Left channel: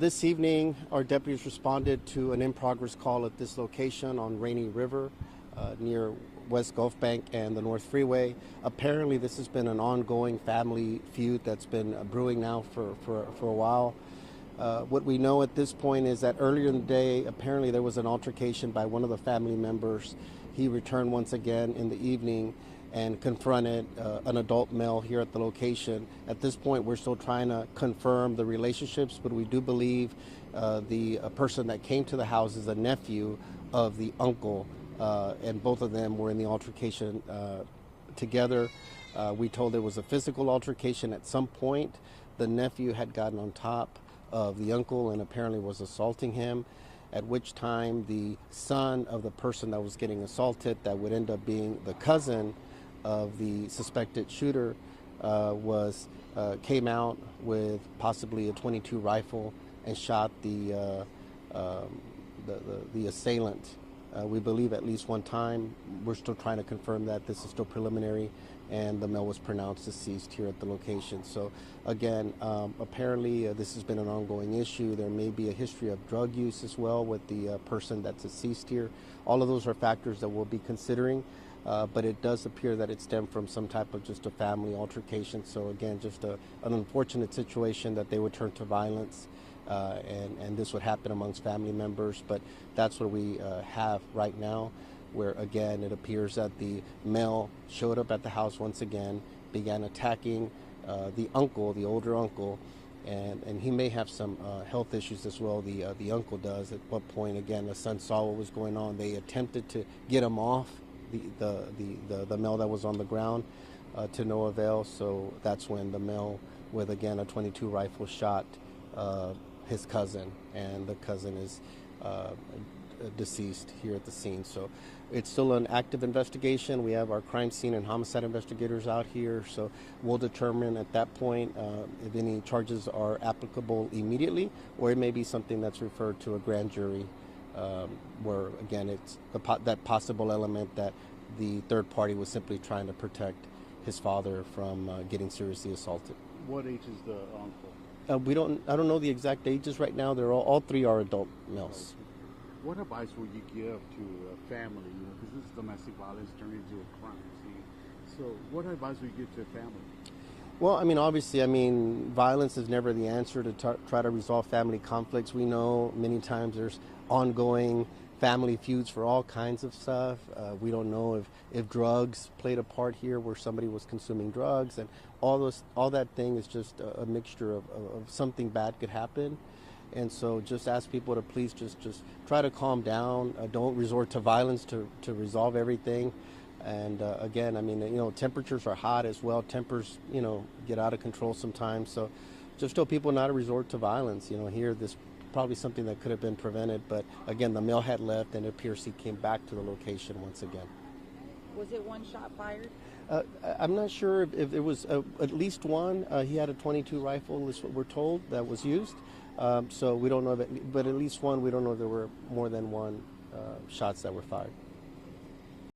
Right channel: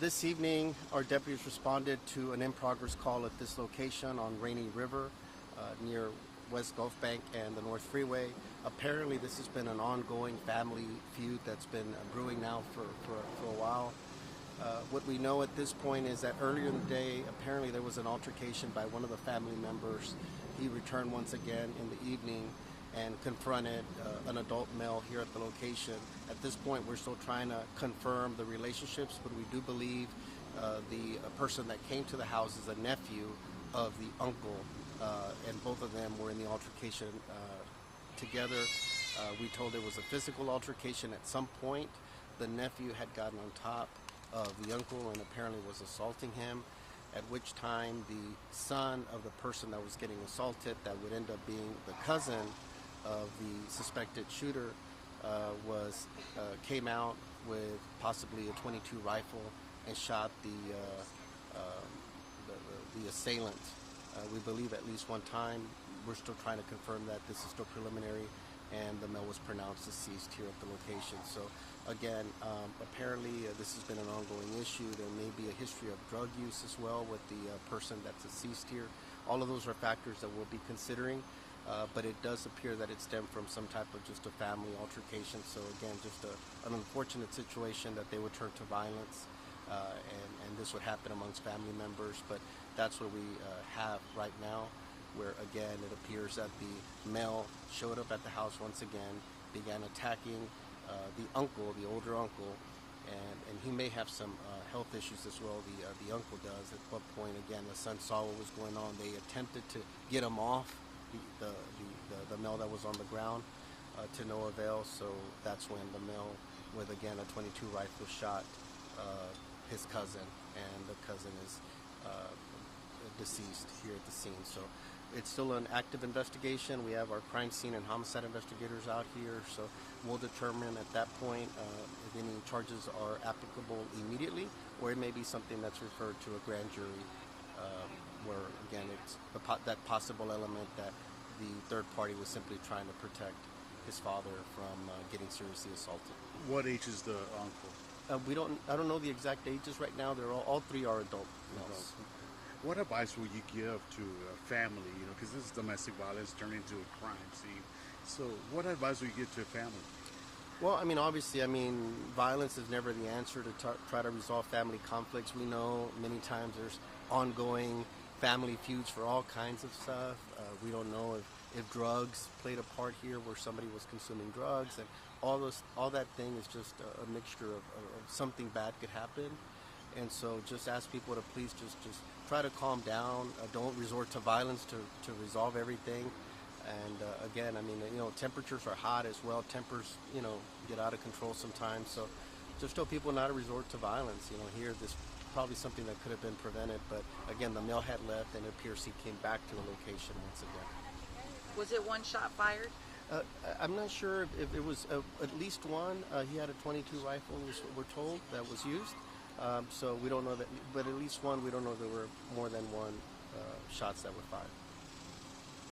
This evening, our deputies responded to an in-progress call at this location on Rainy River near West Gulf Bank and the North Freeway. Apparently, this has been an ongoing family feud that's been brewing now for a while. What we know at this point is that earlier in the day, apparently there was an altercation by one of the family members. He returned once again in the evening and confronted an adult male here at the location. At this point, we're still trying to confirm the relationships, but we do believe the person that came to the house is a nephew of the uncle, and both of them were in the altercation together. We told it was a physical altercation at some point. The nephew had gotten on top of the uncle and apparently was assaulting him, at which time the son of the person that was getting assaulted, that would end up being the cousin of the suspected shooter, came out with possibly a .22 rifle and shot the assailant. We believe at least one time. We're still trying to confirm that. This is still preliminary, and the male was pronounced deceased here at the location. So again, apparently this has been an ongoing issue. There may be a history of drug use as well with the person that's deceased here. All of those are factors that we'll be considering. But it does appear that it stemmed from some type of just a family altercation. So again, just an unfortunate situation that they would turn to violence, and this would happen amongst family members. But that's what we have right now, where again it appears that the male showed up at the house once again, began attacking the uncle, the older uncle, and he may have some health issues as well. The uncle does. At what point, again, the son saw what was going on. They attempted to get him off the male that was on the ground, to no avail. So that's when the male with again a .22 rifle shot his cousin, and the cousin is deceased here at the scene. So it's still an active investigation. We have our crime scene and homicide investigators out here, so we'll determine at that point if any charges are applicable immediately, or it may be something that's referred to a grand jury, where again it's that possible element that the third party was simply trying to protect his father from getting seriously assaulted. What age is the uncle? I don't know the exact ages right now. They're all three are adult males. What advice would you give to a family? Because this is domestic violence turned into a crime scene. So, what advice would you give to a family? Well, obviously, violence is never the answer to try to resolve family conflicts. We know many times there's ongoing family feuds for all kinds of stuff. We don't know if drugs played a part here, where somebody was consuming drugs, and all that thing is just a mixture of something bad could happen. And so just ask people to please just try to calm down. Don't resort to violence to resolve everything. And again, temperatures are hot as well. Tempers, get out of control sometimes. So just tell people not to resort to violence. Here, this probably something that could have been prevented. But again, the male had left, and it appears he came back to the location once again. Was it one shot fired? I'm not sure if it was at least one. He had a .22 rifle, is what we're told, that was used. So we don't know that, but at least one. We don't know if there were more than one shots that were fired.